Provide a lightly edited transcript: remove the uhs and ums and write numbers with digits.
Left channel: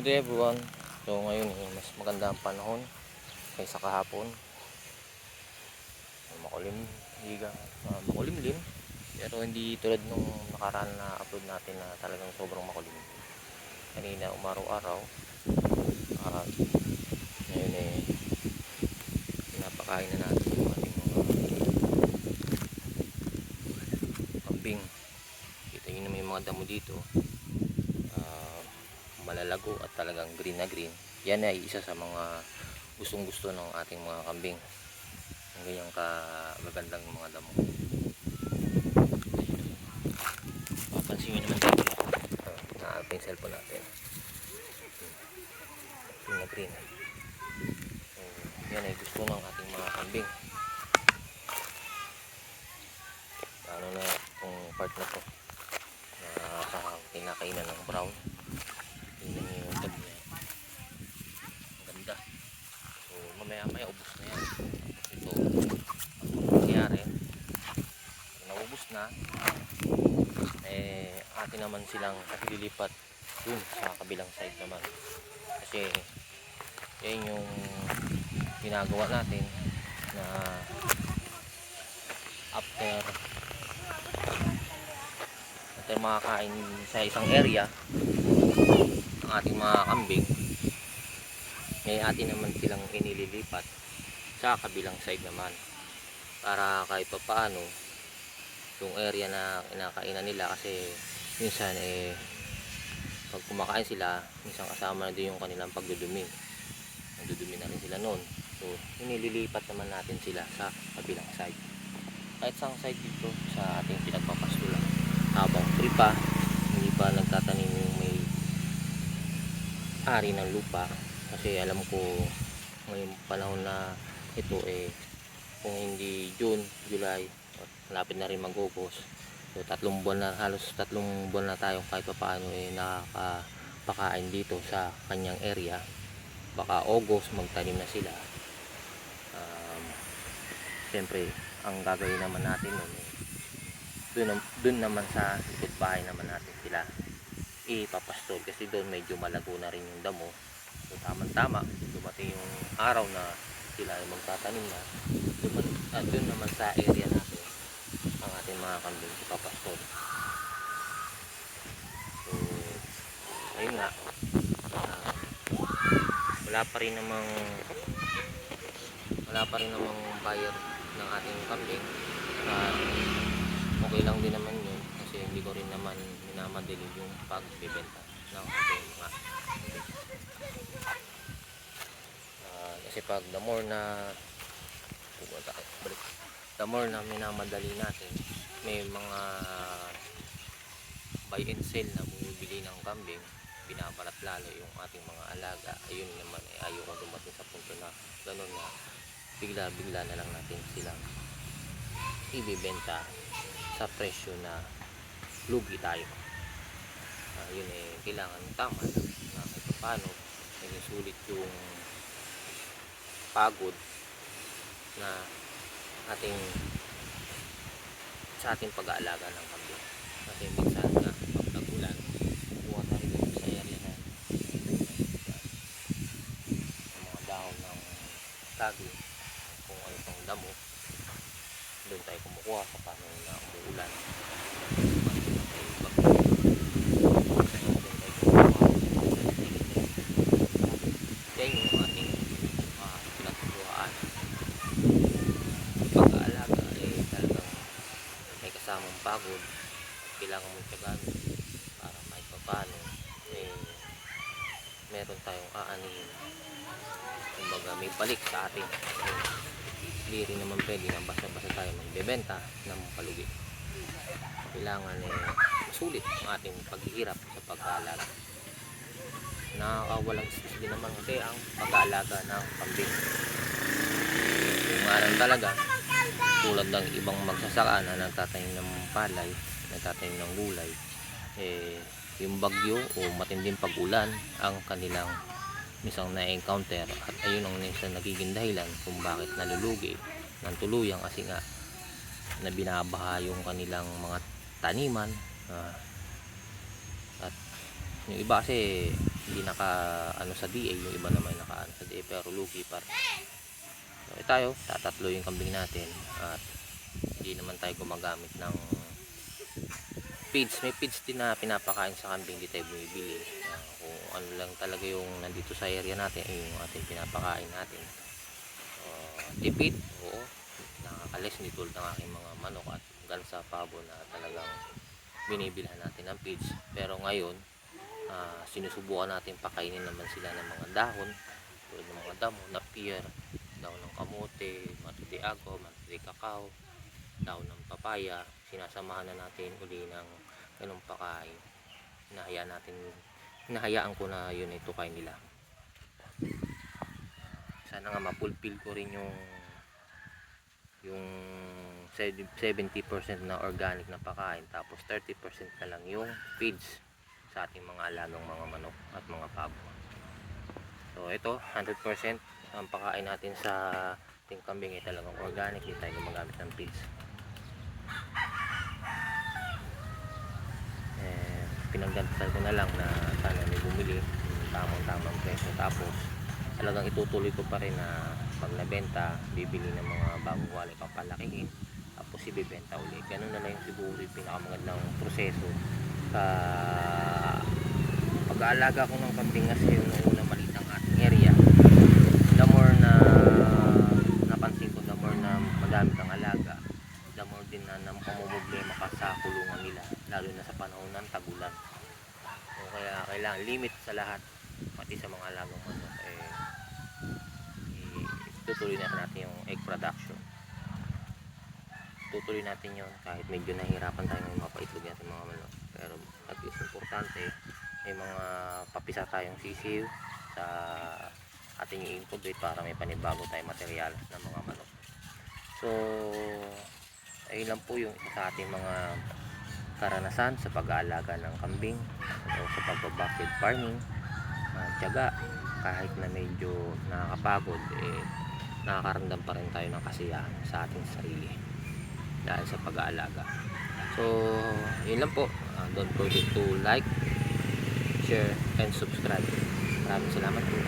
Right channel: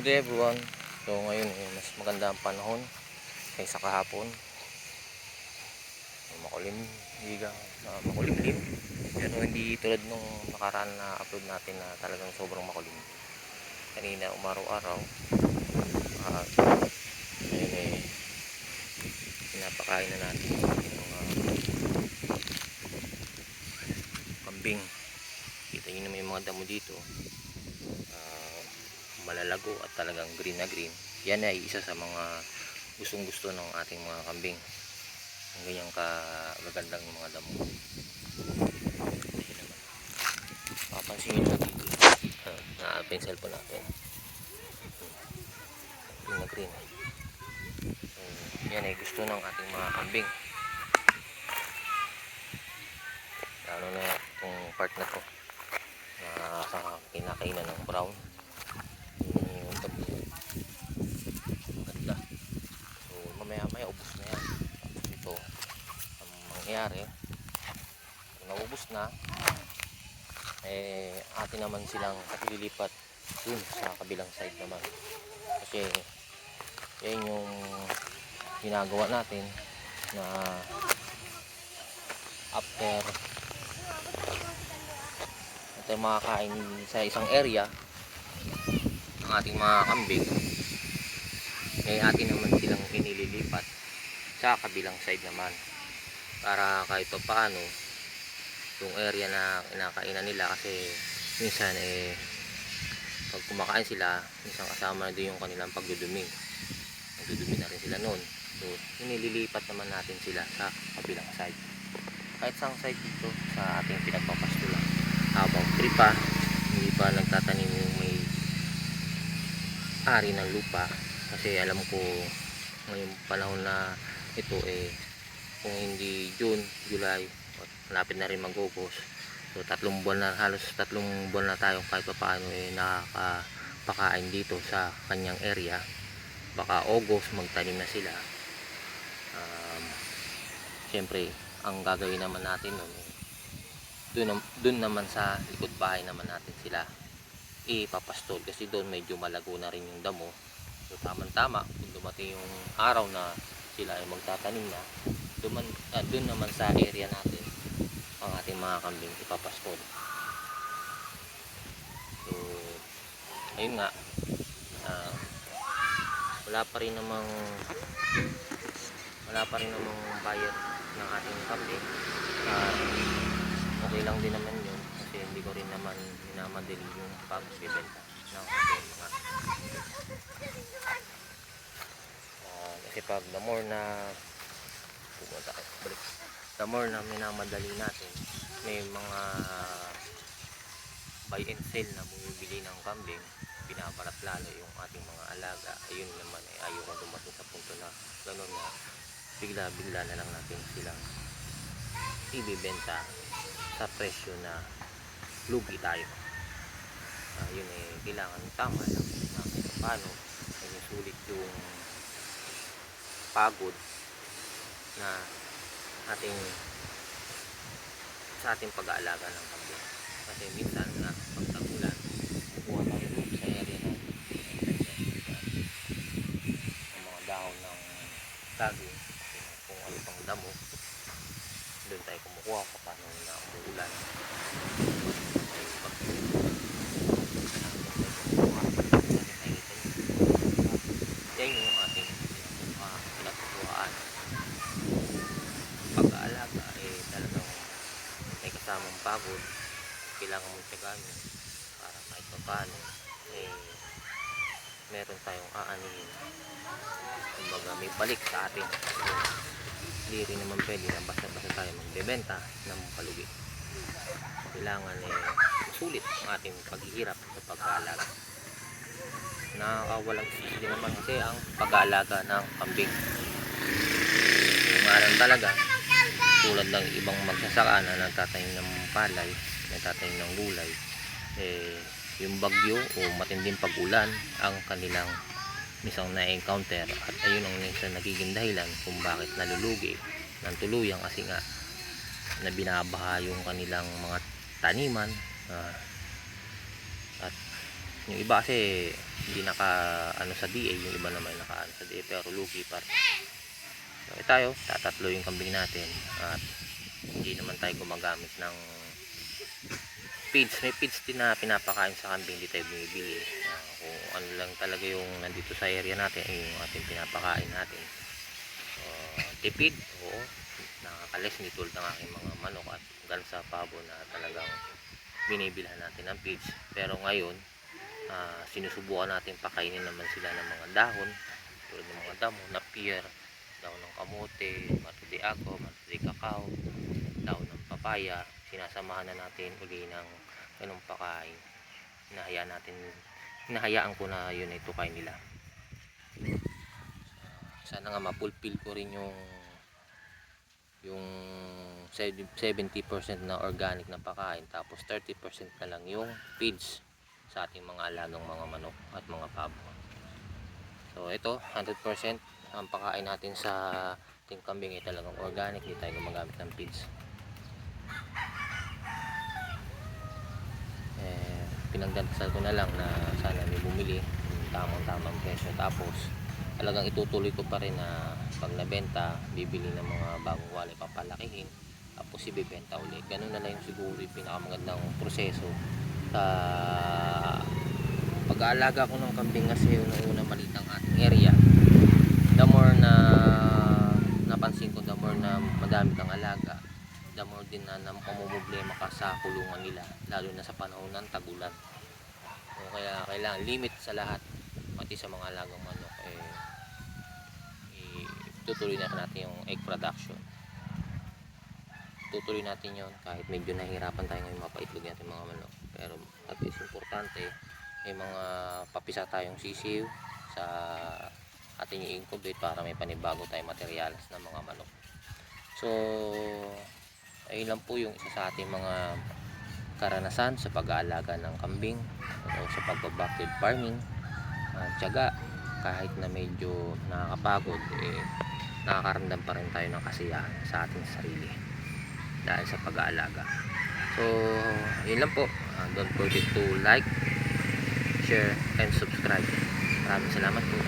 Good day everyone. So ngayon mas maganda ang panahon kaysa kahapon. Makulim, makulimlim. Pero hindi tulad nung nakaraan na upload natin na talagang sobrang makulim. Kanina umaraw-araw. At ngayon pinapakain na natin yung ating mga kambing. Kita nyo naman yung mga damo dito. Malalago at talagang green na green. Yan ay isa sa mga gustong gusto ng ating mga kambing, ang ganyang kagagandang mga damo. Papansin nyo naman dito, na-open yung cellphone natin, green na green. So, yan ay gusto ng ating mga kambing, lalo na itong part na to na kinakainan ng brown. Ganda. So mamaya ubos na yan. So ang nangyari, naubos na, atin naman silang ililipat dun sa kabilang side naman, kasi yan yung ginagawa natin na after makakain sa isang area ang ating mga kambing, atin naman silang inililipat sa kabilang side naman, para kahit paano yung area na kinakainan nila, kasi minsan pag kumakain sila, minsan kasama na din yung kanilang pagdudumi, nagdudumi na rin sila noon. So inililipat naman natin sila sa kabilang side, kahit sa side dito sa ating pinagpapastulan, habang free pa, hindi pa nagtatanim yung may ari ng lupa. Kasi alam ko ngayong panahon na ito kung hindi June, July, malapit na rin mag-August. So halos 3 buwan na tayong kahit pa paano nakakapakain dito sa kanyang area. Baka August magtanim na sila. Siyempre ang gagawin naman natin nun, dun naman sa likod bahay naman natin sila ipapastol, kasi doon medyo malago na rin yung damo. So tamang-tama kung dumating yung araw na sila ay magtatanim na, doon naman sa area natin ang ating mga kambing ipapastol. So ayun nga, wala pa rin namang buyer ng ating kambing, at okay lang din naman yun, kasi hindi ko rin naman minamadali yung pagbibenta ng ating mga kasi pag the more na minamadali natin, may mga buy and sell na bumibili ng kambing, pinaparat lalo yung ating mga alaga. Ayun naman ayaw kong dumating sa punto na gano'n na bigla na lang natin silang ibibenta sa presyo na lugi tayo. Yun kailangan tama lang na kahit paano naging sulit yung pagod na sa ating pag-aalaga ng kambing. Kasi minsan nga pag tag-ulan, kukuha tayo sa area ng mga dahon ng saging, kung ano pang damo, doon tayo kumukuha paano na umuulan. Yan yung ating pinagkukuhaan. Pag-aalaga talagang may kasamang pagod, kailangan mong tsagaan para kahit paano meron tayong aanin, kumbaga may balik sa atin. Hindi rin naman pwede na basta-basta tayo magbebenta ng palugi. Kailangan masulit ang ating paghihirap sa pag-aalaga. Nakakawalang isip din naman kasi ang pag-aalaga ng kambing. Yung maran talaga, tulad ng ibang magsasaka na nagtatanim ng palay, nagtatanim ng gulay, yung bagyo o matinding pag-ulan ang kanilang misang na-encounter, at ayun ang minsan nagiging dahilan kung bakit nalulugi ng tuluyan, kasi nga na binabaha yung kanilang mga taniman. At yung iba kasi hindi naka ano sa DA, yung iba naman naka ano sa DA pero lugi pa rin. So tayo tatatlo yung kambing natin at hindi naman tayo gumagamit ng feeds. May feeds din na pinapakain sa kambing, hindi tayo bumibili. Kung ano lang talaga yung nandito sa area natin ay yung ating pinapakain natin. So, tipid, oo, nakakalis, hindi tulad ng aking mga manok at hanggang sa pabo na talagang binibilhan natin ng feeds. Pero ngayon sinusubukan natin pakainin naman sila ng mga dahon tulad ng mga damo, napier, dahon ng kamote, mata de ago, mata de cacao, dahon ng papaya. Sinasamahan na natin uli ng ganung pakain. Hinahayaan ko na yun ito kain nila. Sana nga mapulpil ko rin yung 70% na organic na pakain, tapos 30% na lang yung feeds sa ating mga alagang mga manok at mga pabo. So ito 100% ang pakain natin sa ating kambing ay talagang organic, hindi tayo gumagamit ng feeds. Pinagdadasal ko na lang na sana may bumili yung tamang presyo, tapos talagang itutuloy ko pa rin na pag nabenta bibili ng mga bagong wali, papalakihin, tapos ibibenta ulit. Ganun na lang yung siguro yung pinakamagandang proseso sa pag-aalaga ko ng kambing. Kasi yung unang maliit ang ating area, the more na napansin ko, the more na madami kang alaga, the more din na mamumblema ka sa kulungan nila, lalo na sa panahon ng tagulan. So, kaya kailangan limit sa lahat, pati sa mga alagang manok, tutuloy na natin yung egg production. Tutuloy natin yon kahit medyo nahihirapan tayo ngayon mapaitlog natin mga manok, pero at least importante may mga papisa tayong sisiw sa ating i-incubate para may panibago tayong materyales ng mga manok. So ayun lang po yung isa sa ating mga karanasan sa pag-aalaga ng kambing o sa pagba-backyard farming. Tiyaga, kahit na medyo nakakapagod, nakakaramdam pa rin tayo ng kasiyahan sa ating sarili dahil sa pag-aalaga. So yun lang po. Don't forget to like, share, and subscribe. Maraming salamat po.